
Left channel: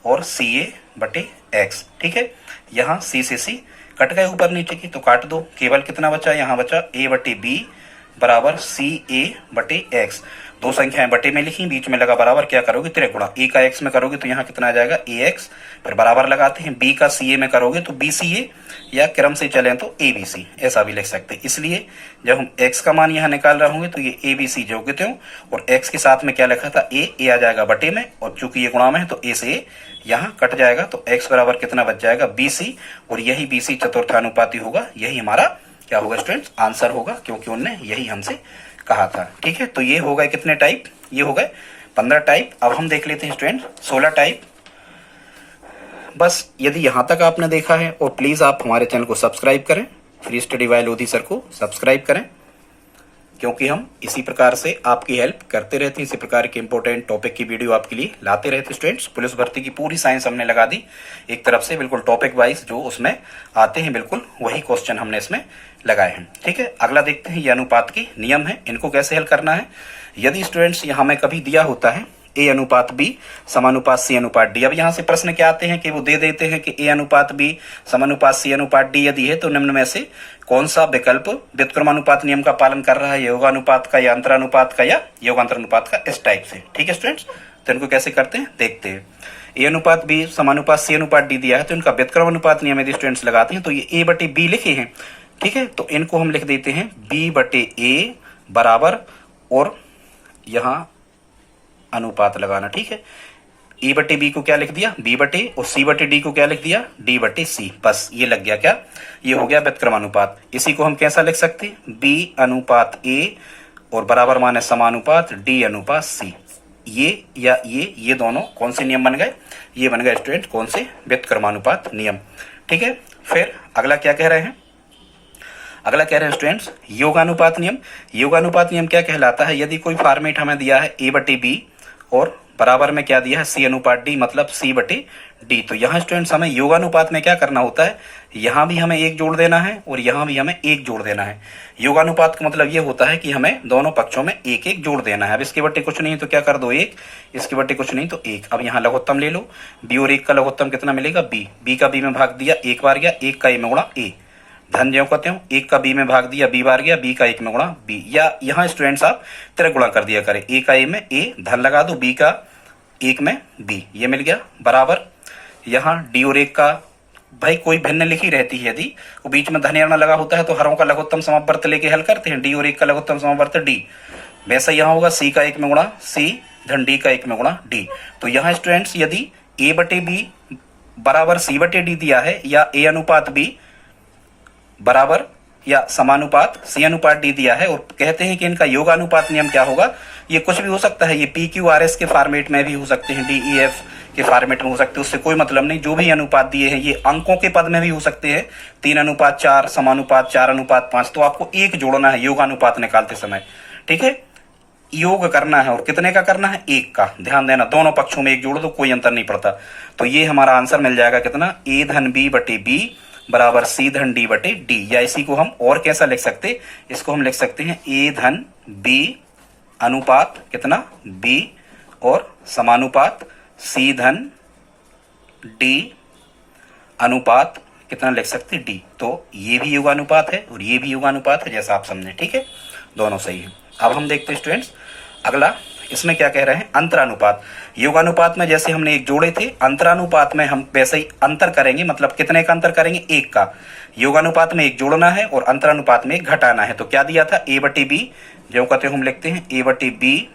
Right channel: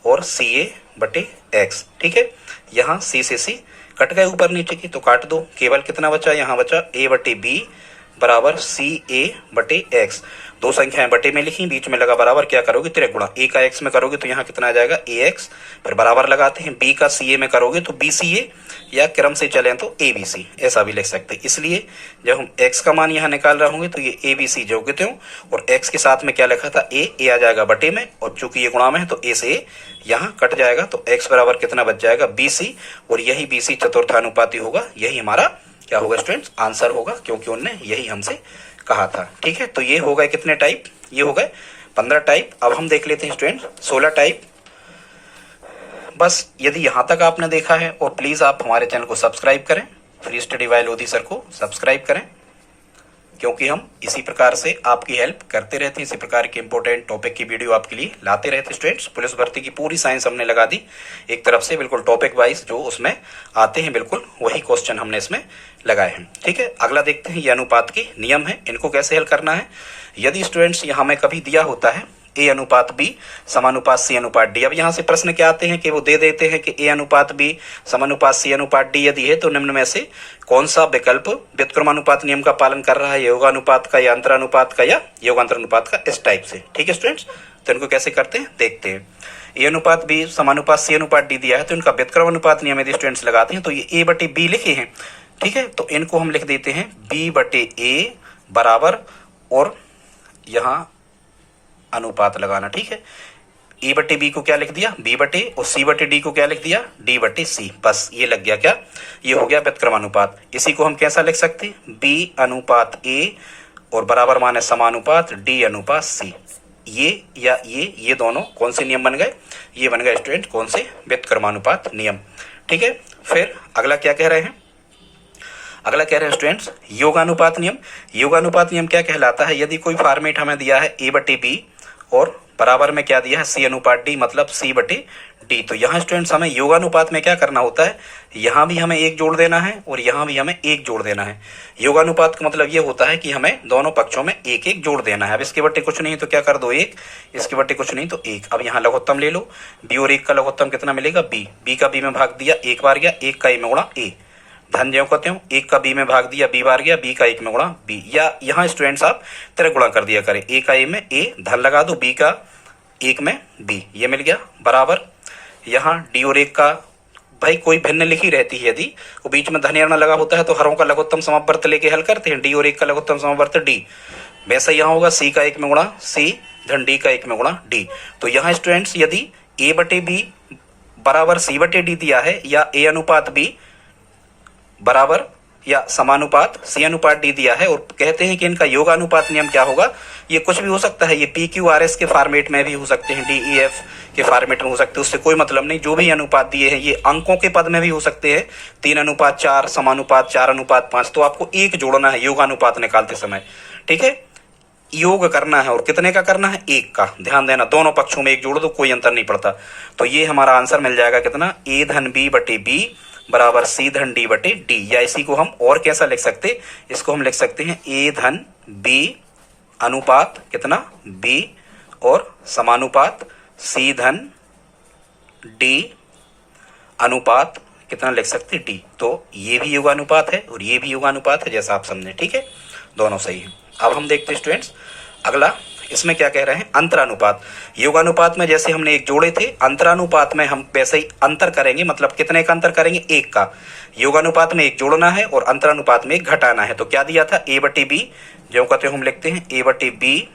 और CA बट्टी x। ठीक है, यहाँ C से C कट गए ऊपर नीचे की, तो काट दो, केवल कितना बचा, यहाँ बचा A बट्टी B बराबर CA बटे x। दो संख्याएं बटे में लिखी, बीच में लगा बराबर, क्या करोगे त्रिगुणा, A का x में करोगे तो यहाँ कितना आ जाएगा AX, फिर बराबर लगाते हैं, B का CA में करोगे तो BCA, या क्रम से चलें तो ABC, ऐसा भी लिख सकते हैं। इसलिए जब हम x का मान यहाँ निकाल रहे होंगे तो ये ABC जो कितने हो, और x के साथ में क्या लिखा था A आ जाएगा बटे में, और चूंकि ये गुणा में है तो A से यहाँ कट जाएगा, तो x बराबर कितना बच जाएगा BC, और यही BC चतुर्थानुपाती होगा, यही हमारा क्या होगा स्टूडेंट्स आंसर होगा, क्योंकि उन्होंने यही हमसे कहा था। ठीक है, तो ये हो गए कितने टाइप, ये हो गए 15 टाइप। अब हम देख लेते हैं स्टूडेंट 16 टाइप। बस यदि यहां तक आपने देखा है, और प्लीज आप हमारे चैनल को सब्सक्राइब करें, free study bye Lodhi sir को सब्सक्राइब करें, क्योंकि हम इसी प्रकार से आपकी हेल्प करते रहते हैं, इसी प्रकार के इंपॉर्टेंट टॉपिक की वीडियो आपके लिए लाते रहते स्टूडेंट्स। पुलिस भर्ती की पूरी साइंस हमने लगा दी एक तरफ से, बिल्कुल टॉपिक वाइज जो उसमें आते हैं, बिल्कुल वही क्वेश्चन हमने इसमें लगाए हैं। ठीक है, अगला देखते हैं, ये अनुपात के नियम है, इनको कैसे हल करना है। यदि स्टूडेंट्स यहाँ में कभी दिया होता है A अनुपात B समानुपात C अनुपात D, अब यहाँ से प्रश्न क्या आते हैं कि वो दे देते हैं कि A अनुपात B समानुपात C अनुपात D यदि है तो निम्न में से कौन सा विकल्प व्युत्क्रमानुपात नियम का पालन कर रहा है, योगानुपात का या अंतरानुपात का या योगांतरानुपात का, इस टाइप से। ठीक है स्टूडेंट्स, तो इनको कैसे करते हैं देखते हैं। A अनुपात B समानुपात C अनुपात D दिया है, तो इनका व्युत्क्रमानुपात नियम यदि स्टूडेंट्स लगाते हैं तो ये A बटे B लिखे हैं। ठीक है, तो इनको हम लिख देते हैं B बटे A बराबर, और यहाँ अनुपात लगाना। ठीक है, E बटे B को क्या लिख दिया B बटे, और C बटे D को क्या लिख दिया D बटे C। बस ये लग गया क्या, ये हो गया व्युत्क्रमानुपात। इसी को हम कैसा लिख सकते हैं B अनुपात A, और बराबर माने समानुपात D अनुपात C। ये या ये दोनों कौन से नियम बन गए, ये बन गए स्टूडेंट कौन से, व्युत्क्रमानुपात नियम। ठीक है, फिर अगला क्या कह रहे हैं, अगला कह रहे हैं स्टूडेंट्स योगानुपात नियम। योगानुपात नियम क्या कहलाता है, यदि कोई फॉर्मेट हमें दिया है A बटे B और बराबर में क्या दिया है C अनुपात D, मतलब C बटे D, तो यहाँ स्टूडेंट्स हमें योगानुपात में क्या करना होता है, यहाँ भी हमें एक जोड़ देना है और यहाँ भी हमें एक जोड़ देना है। योगानुपात का मतलब ये होता है कि हमें दोनों पक्षों में एक एक जोड़ देना है। अब इसके बट्टे कुछ नहीं तो क्या कर दो एक, इसके बट्टे कुछ नहीं तो एक। अब यहाँ लघुत्तम ले लो, B और 1 का लघुत्तम कितना मिलेगा B का B में भाग दिया एक बार गया, 1 का A में गुणा A, धन ज्यों कहते हो, 1 का B में भाग दिया B बार गया, B का 1 में गुणा B, या यहाँ स्टूडेंट्स आप तरह गुणा कर दिया करें, A का A में A, धन लगा दो, B का 1 में B, ये मिल गया बराबर। यहाँ D और 1 का भाई कोई भिन्न लिखी रहती है, यदि वो बीच में धन लगा होता है तो हरों का लघुत्तम समवर्त लेके हल करते हैं, D और 1 का लघुत्तम समवर्त D, वैसा यहाँ होगा C का 1 में गुणा C धन D का 1 में गुणा D। तो यहाँ स्टूडेंट्स यदि A बटे B बराबर C बटे D दिया है, या A अनुपात B बराबर या समानुपात C अनुपात D दिया है, और कहते हैं कि इनका योगानुपात नियम क्या होगा, ये कुछ भी हो सकता है, ये PQRS के फॉर्मेट में भी हो सकते हैं, DEF के फॉर्मेट में हो सकते हैं, उससे कोई मतलब नहीं। जो भी अनुपात दिए हैं ये अंकों के पद में भी हो सकते हैं, 3 अनुपात 4 समानुपात 4 अनुपात 5, तो आपको एक जोड़ना है योगानुपात निकालते समय। ठीक है, योग करना है, और कितने का करना है, एक का, ध्यान देना दोनों पक्षों में एक जोड़ दो, कोई अंतर नहीं पड़ता। तो ये हमारा आंसर मिल जाएगा कितना, A धन B बटे B बराबर C धन D बटे D, या इसी को हम और कैसा लिख सकते, इसको हम लिख सकते हैं A धन B अनुपात कितना B और समानुपात C धन D अनुपात कितना लिख सकते D। तो ये भी योगानुपात है और ये भी योगानुपात है, जैसा आप समझे। ठीक है, दोनों सही है। अब हम देखते हैं स्टूडेंट्स अगला, इसमें क्या कह रहे हैं, अंतरानुपात। योगानुपात में जैसे हमने एक जोड़े थे, अंतरानुपात में हम वैसे ही अंतर करेंगे, मतलब कितने का अंतर करेंगे, एक का। योगानुपात में एक जोड़ना है और अंतरानुपात में एक घटाना है। तो क्या दिया था, ए बटे बी, जो कहते हम लिखते हैं ए बटे बी,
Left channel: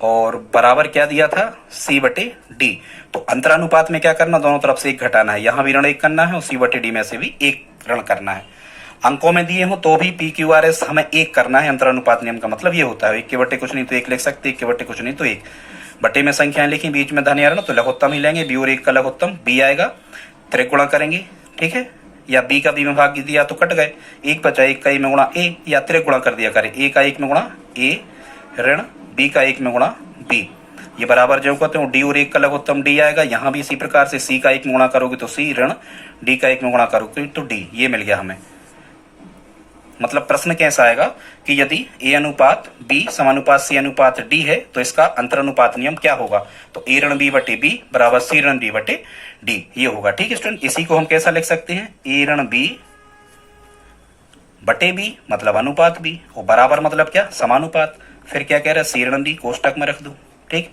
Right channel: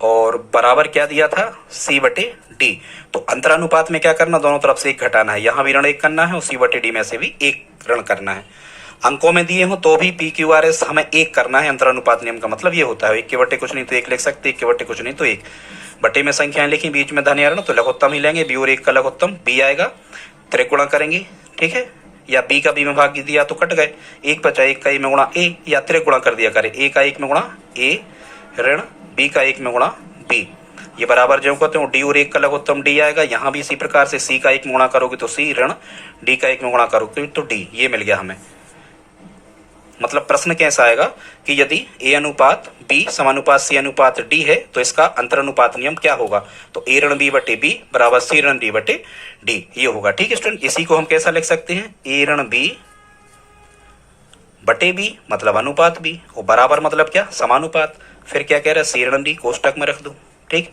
और बराबर क्या दिया था, सी बटे डी। तो अंतरानुपात में क्या करना, दोनों तरफ से एक घटाना है, यहां भी ऋण एक करना है और सी बटे डी में से भी एक ऋण करना है। अंकों में दिए हो तो भी पी क्यू आर एस हमें एक करना है। अंतरानुपात नियम का मतलब ये होता है, एक के बटे कुछ नहीं तो एक लिख सकते, एक के बटे कुछ नहीं तो एक। बटे में संख्याएं लिखी, बीच में धन या ऋण, तो लघुत्तम ही लेंगे, बी और एक का लघुत्तम बी आएगा, त्रिगुणा करेंगे, ठीक है, या बी का बी में भाग दिया तो कट गए, एक बचा, एक का ए में गुणा ए, या त्रिगुणा कर दिया करें, ए का एक में गुणा ए ऋण बी का एक में गुणा बी, ये बराबर जो कहते हैं डी और एक का लघुत्तम डी आएगा। यहाँ भी इसी प्रकार से सी का एक में गुणा करोगे तो सी ऋण डी का एक में गुणा करोगे तो डी, ये मिल गया हमें। मतलब प्रश्न कैसा आएगा कि यदि ए अनुपात बी समानुपात सी अनुपात डी है तो इसका अंतरानुपात नियम क्या होगा, तो ए ऋण बी बटे बी बराबर सी ऋण डी बटे डी, ये होगा। ठीक है स्टूडेंट, इसी को हम कैसा लिख सकते हैं, ए ऋण बी बटे बी मतलब अनुपात बी, और बराबर मतलब क्या, समानुपात, फिर क्या कह रहा है, सी ऋण डी कोष्टक में रख दो, ठीक,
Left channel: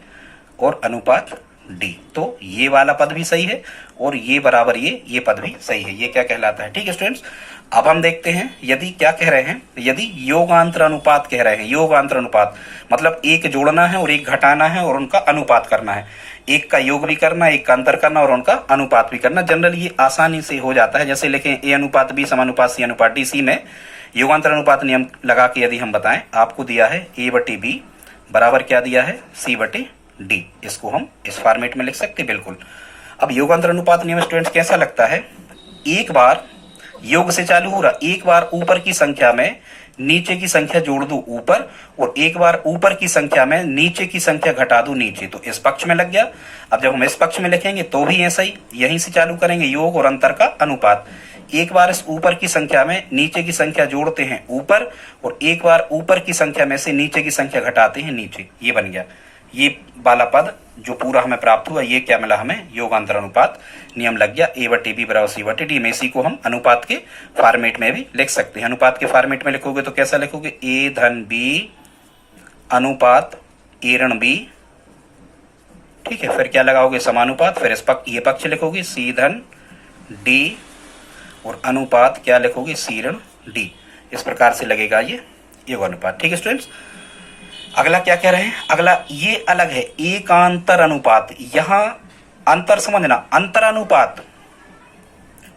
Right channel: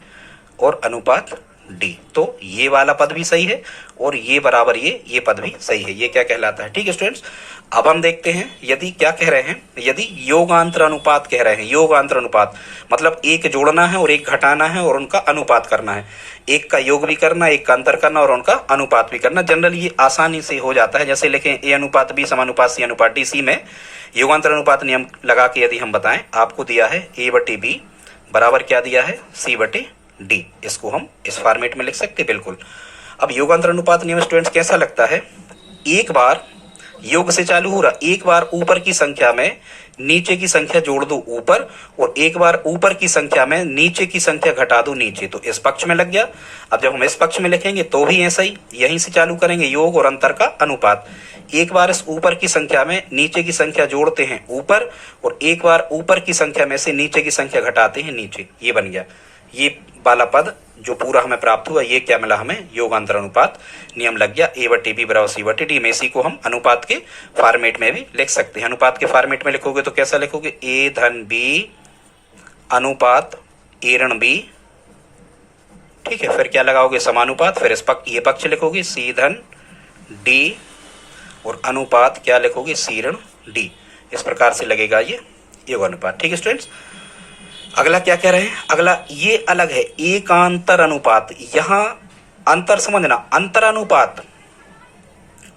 और अनुपात डी। तो ये वाला पद भी सही है और ये बराबर ये पद भी सही है, ये क्या कहलाता है। ठीक है स्टूडेंट्स, अब हम देखते हैं यदि क्या कह रहे हैं, यदि योगांतर अनुपात कह रहे हैं। योगांतर अनुपात मतलब एक जोड़ना है और एक घटाना है और उनका अनुपात करना है, एक का योग भी करना, एक का अंतर करना और उनका अनुपात भी करना। जनरली ये आसानी से हो जाता है, जैसे लिखें ए अनुपात बी समानुपात सी अनुपात डी। सी में योगांतर अनुपात नियम लगा के यदि हम बताएं, आपको दिया है ए बटे बी बराबर क्या दिया है, सी बटे डी, इसको हम इस फॉर्मेट में लिख सकते बिल्कुल। अब योगांतर अनुपात नियम स्टूडेंट्स कैसा लगता है, एक बार योग से चालू हो रहा, एक बार ऊपर की संख्या में नीचे की संख्या जोड़ दो ऊपर, और एक बार ऊपर की संख्या में नीचे की संख्या घटा दो नीचे, तो इस पक्ष में लग गया। अब जब हम इस पक्ष में लिखेंगे तो भी ऐसा ही, यहीं से चालू करेंगे, योग और अंतर का अनुपात। एक बार इस ऊपर की संख्या में नीचे की संख्या जोड़ते हैं ऊपर, और एक बार ऊपर की संख्या में से नीचे की संख्या घटाते हैं नीचे, ये बन गया। ये वाला पद जो पूरा हमें प्राप्त हुआ, ये क्या मिला हमें, योगांतर अनुपात नियम लग गया, ए बटे बी बराबर सी बटे डी में। इसी को हम अनुपात के फॉर्मेट में भी लिख सकते हैं। अनुपात के फॉर्मेट में लिखोगे तो कैसा लिखोगे, ए धन बी अनुपात ए ऋण बी, ठीक है, फिर क्या लगाओगे, समानुपात, फिर इस पक्ष ये पक्ष लिखोगे सी धन डी, और अनुपात क्या लिखोगे, सी ऋण डी। इस प्रकार से लगेगा ये योगानुपात। ठीक है स्टूडेंट्स, अगला क्या कह रहे हैं, अगला ये अलग है, एकांतर अनुपात। यहां अंतर समझना, अंतरानुपात,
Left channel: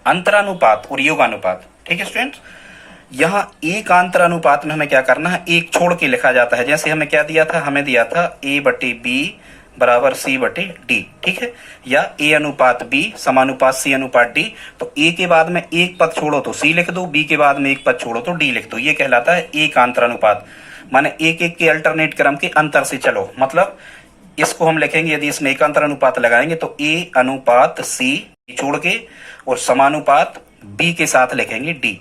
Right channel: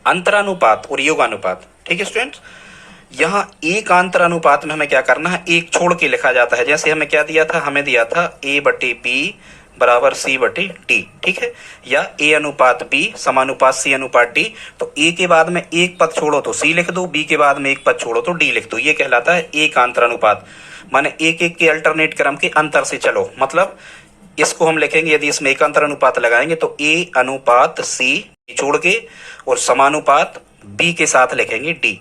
अंतरानुपात और योगानुपात। ठीक है स्टूडेंट्स, यहां एकांतर अनुपात में हमें क्या करना है, एक छोड़ के लिखा जाता है। जैसे हमें क्या दिया था, हमें दिया था ए बटे बी बराबर सी बटे डी, ठीक है, या ए अनुपात बी समानुपात सी अनुपात डी। तो ए के बाद में एक पद छोड़ो तो सी लिख दो, बी के बाद में एक पद छोड़ो तो डी लिख दो, ये कहलाता है एकांतर अनुपात। माने एक एक के अल्टरनेट क्रम के अंतर से चलो, मतलब इसको हम लिखेंगे, यदि इसमें एकांतर अनुपात लगाएंगे तो ए अनुपात सी छोड़ के और समानुपात बी के साथ लिखेंगे डी,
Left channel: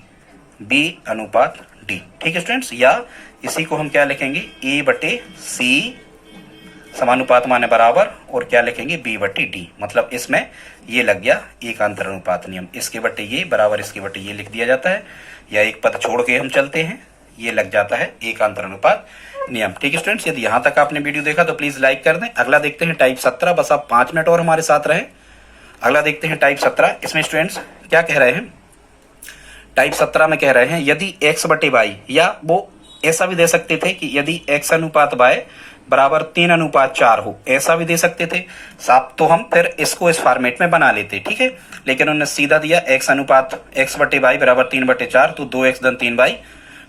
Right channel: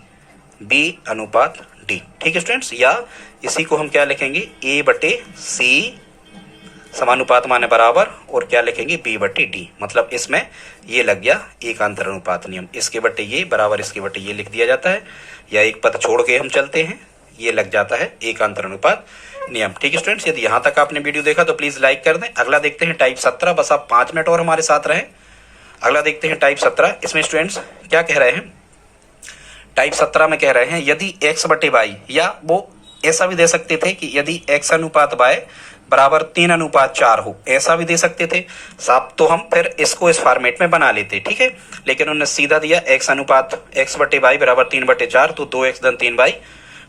बी अनुपात डी। ठीक है स्टूडेंट्स, या इसी को हम क्या लिखेंगे, ए बटे सी समानुपात माने बराबर, और क्या लिखेंगे, बी बटे डी। मतलब इसमें ये लग गया एकांतर अनुपात नियम, इसके बटे ये बराबर इसके बटे ये लिख दिया जाता है, या एक पद छोड़ के हम चलते हैं, ये लग जाता है एकांतर अनुपात नियम। ठीक है स्टूडेंट्स, यदि यहाँ तक आपने वीडियो देखा तो प्लीज लाइक कर दें। अगला देखते हैं टाइप 17, बस आप 5 मिनट और हमारे साथ रहे। अगला देखते हैं टाइप 17। इसमें स्टूडेंट्स क्या कह रहे हैं, टाइप 17 में कह रहे हैं यदि x बटे वाई, या वो ऐसा भी दे सकते थे कि यदि x अनुपात वाई बराबर 3 अनुपात 4 हो, ऐसा भी दे सकते थे साहब, तो हम फिर इसको इस फॉर्मेट में बना लेते, ठीक है। लेकिन उन्होंने सीधा दिया x अनुपात x बटे वाई बराबर 3 बटे 4, तो 2x धन 3 वाई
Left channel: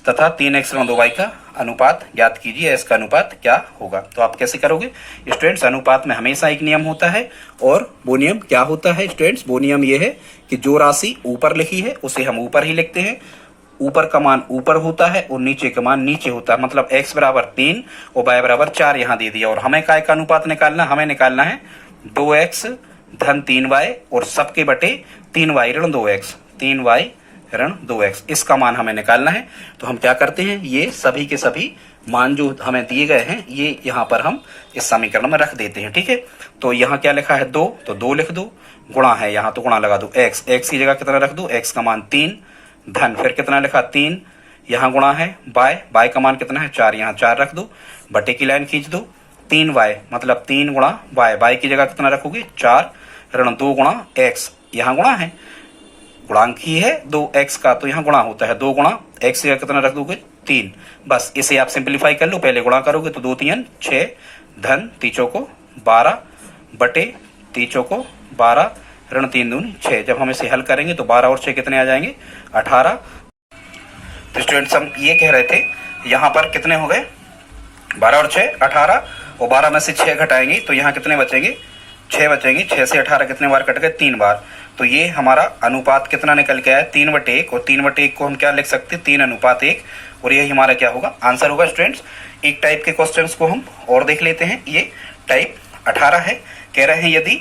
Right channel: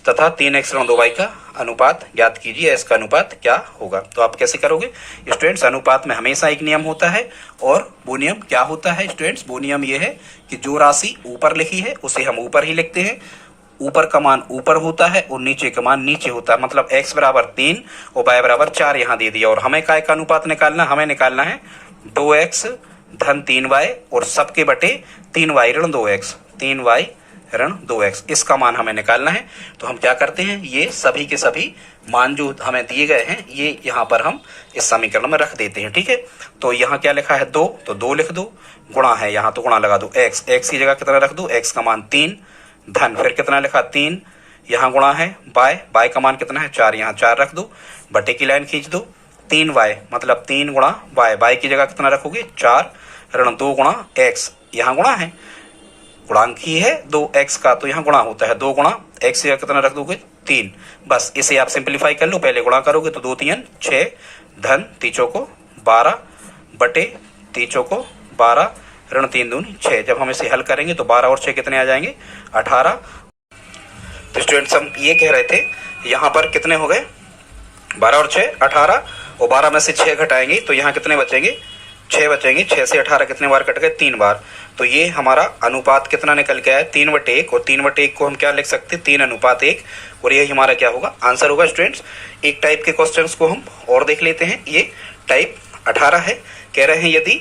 तथा 3x ऋण 2 वाई का अनुपात ज्ञात कीजिए, इसका अनुपात क्या होगा। तो आप कैसे करोगे स्टूडेंट्स, अनुपात में हमेशा एक नियम होता है, और वो नियम क्या होता है स्टूडेंट्स, वो नियम ये है कि जो राशि ऊपर लिखी है उसे हम ऊपर ही लिखते हैं, ऊपर का मान ऊपर होता है और नीचे का मान नीचे होता है। मतलब x बराबर 3 और y बराबर 4 यहाँ दे दिया, और हमें काय का अनुपात निकालना, हमें निकालना है 2x धन 3y और सबके बटे 3y ऋण 2x, 3y ऋण 2x, इसका मान हमें निकालना है। तो हम क्या करते हैं, ये सभी के सभी मान जो हमें दिए गए हैं ये यहाँ पर हम इस समीकरण में रख देते हैं, ठीक है। तो यहाँ क्या लिखा है 2, तो 2 लिख दो, गुणा है यहाँ तो गुणा लगा दो, x की जगह कितना रख दो, x का मान 3, धन फिर कितना लिखा 3, यहाँ गुणा है y का मान कितना है 4, यहाँ 4 रख दो, बटे की लाइन खींच दो, 3y मतलब 3 गुणा y की जगह कितना रखोगे 4, ऋण 2 गुणा x, यहाँ गुणा है, गुणांक ही है 2x का, तो यहाँ गुणा होता है 2 गुणा x का कितना रख दोगे 3। बस इसे आप सिंप्लीफाई कर लो, पहले गुणा करोगे तो 2 3 6 धन 3 चौको 12 बटे 3 चौको 12 ऋण 3 दूनी 6। जब हम इसे हल करेंगे तो 12 और 6 कितने आ जाएंगे 18। तो स्टूडेंट्स हम ये कह रहे थे यहाँ पर कितने हो गए 12 और 6 18, और 12 में से 6 घटाएंगे तो यहाँ कितने बचेंगे 6 बचेंगे। 6 से 18 कितने बार कट गए 3 बार। तो ये हमारा अनुपात कितना निकल के आया 3/1, और 3/1 को हम क्या लिख सकते हैं 3:1, और यही हमारा क्या होगा आंसर होगा। स्टूडेंट्स एक टाइप के क्वेश्चंस को हम और देख लेते हैं। ये टाइप 18 है, कह रहे हैं यदि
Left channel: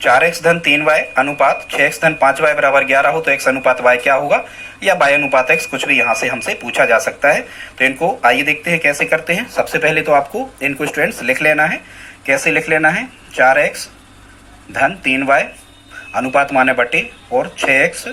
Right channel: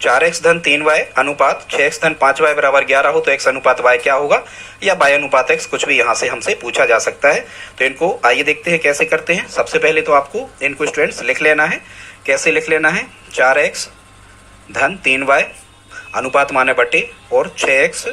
4x धन 3y अनुपात 6x धन 5y बराबर 11 हो तो x अनुपात y क्या होगा, या y अनुपात x, कुछ भी यहाँ से हमसे पूछा जा सकता है। तो इनको आइए देखते हैं कैसे करते हैं। सबसे पहले तो आपको इनको स्टूडेंट्स लिख लेना है। कैसे लिख लेना है 4x धन 3y अनुपात माने बटे और 6x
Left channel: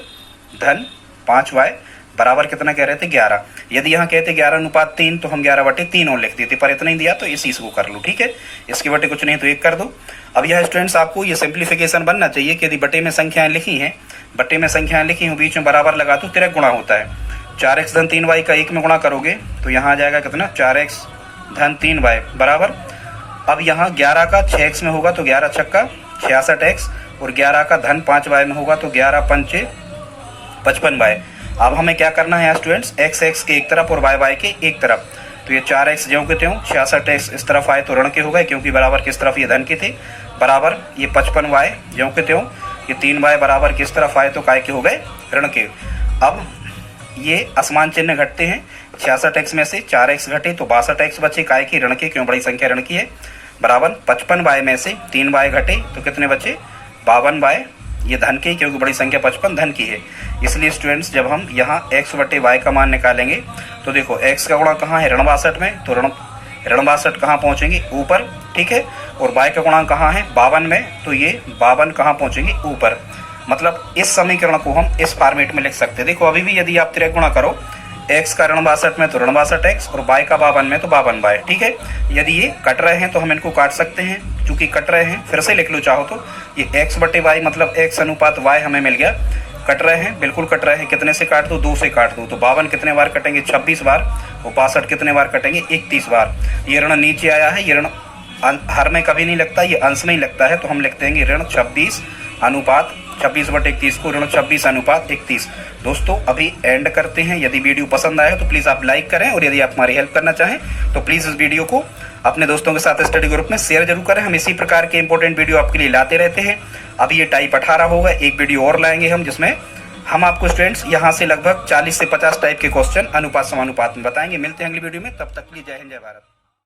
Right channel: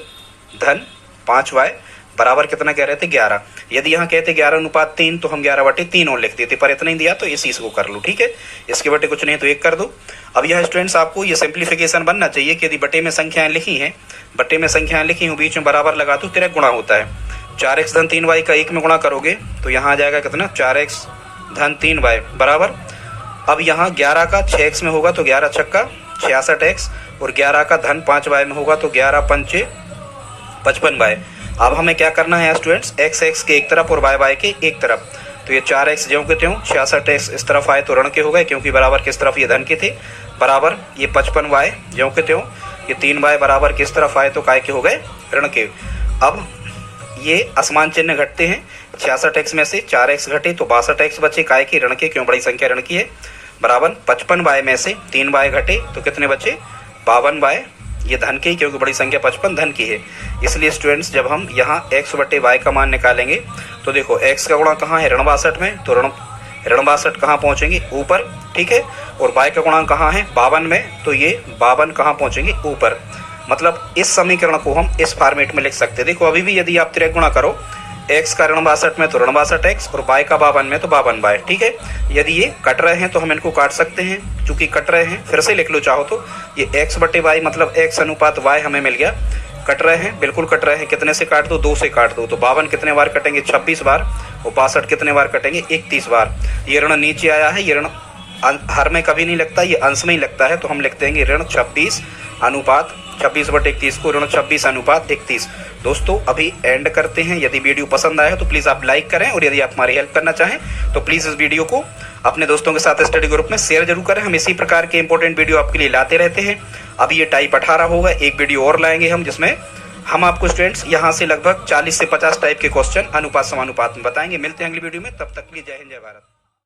धन 5y बराबर कितना कह रहे थे 11। यदि यहाँ कहते 11:3 तो हम 11/3 और लिख देते, पर इतना ही दिया तो इसी को कर लो, ठीक है। इसके बटे कुछ नहीं तो 1 कर दो। अब यह स्टूडेंट्स आपको ये सिंप्लीफिकेशन बनना चाहिए कि यदि बटे में संख्याएं लिखी हैं, बटे में संख्याएं लिखी हूँ, बीच में बराबर लगा तो तिरक गुणा होता है। 4x धन 3y का 1 में गुणा करोगे तो यहाँ आ जाएगा कितना 4x धन 3y बराबर। अब यहाँ 11 का 6x में होगा तो 11 छक्का 66x, और 11 का धन 5y में होगा तो 11 पंचे 55y। अब हमें क्या करना है स्टूडेंट्स x के एक तरफ और y के एक तरफ। तो ये 4x ज्यों के त्यों 66x इस तरफ आए तो ऋण के हो गए, क्योंकि बराबर किस तरफ ये धन के थे, बराबर ये 55y ज्यों के त्यों ये 3y बराबर किस तरफ आए तो काय के हो गए ऋण के। अब ये असमान चिन्ह घटते हैं, 66x में से 4x घटे तो 62x बचे, काय के ऋण के, क्यों बड़ी संख्या ऋण की है, बराबर 55y में से 3y घटे तो कितने बचे 52y, ये धन के, क्योंकि बड़ी संख्या 55 धन की है। इसलिए स्टूडेंट्स जब हम यहाँ x बटे y का मान निकालेंगे तो देखो x का गुणा कहाँ है ऋण 62 में, तो ऋण 62 कहाँ पहुंचेंगे ऊपर, ठीक है, और y का गुणा कहाँ है 52 में, तो ये 52 कहाँ पहुंचेंगे ऊपर। मतलब इस समीकरण को हम इस फॉर्मेट में लिख सकते हैं। देखो अभी भी यदि आप तिरक गुणा करो x का ऋण 62 में तो ऋण 62x, और y का 52 में तो 52y, ठीक है। यदि ये कट रहे हैं तो हम इनको काट सकते हैं, चूंकि कट रहे हैं फिर से लिख लो चाहो तो, ये x बटे y मतलब x अनुपात y हमें मिल गया। कट रहे हैं, बिल्कुल कट रहे हैं, कितने से काट दो 2 से काट दो, तो 52 कितने बार कटेंगे 26 बार, और 62 कितने बार कटेंगे 31 बार। ये ऋण नीचे आया है, ये ऋण हर में कभी नहीं लगता, ये अंश में ही लगता है, तो हम लिखते हैं ऋण 26 अनुपात 26/21 को ऋण 26:31। दोस्तों अभी एंड करते हैं। यदि वीडियो पसंद आया तो प्लीज आप लाइक करें, और यदि आप हमारी हेल्प करना चाहें तो प्लीज इस वीडियो को अपने दोस्तों के साथ स्टडी ग्रुप में शेयर जरूर करें। हम इसी प्रकार के इंपॉर्टेंट वीडियो आपके लिए लाते रहते हैं। अभी ये टाइप 18 होगा, एक वीडियो और लाएंगे हम, जिसमें हम आपको स्टूडेंट्स यहाँ से लगभग 40 से 50 टाइप के क्वेश्चन अनुपात समानुपात में बताएंगे। मिलते हैं अगली वीडियो में, तब तक के लिए जय हिंद जय भारत।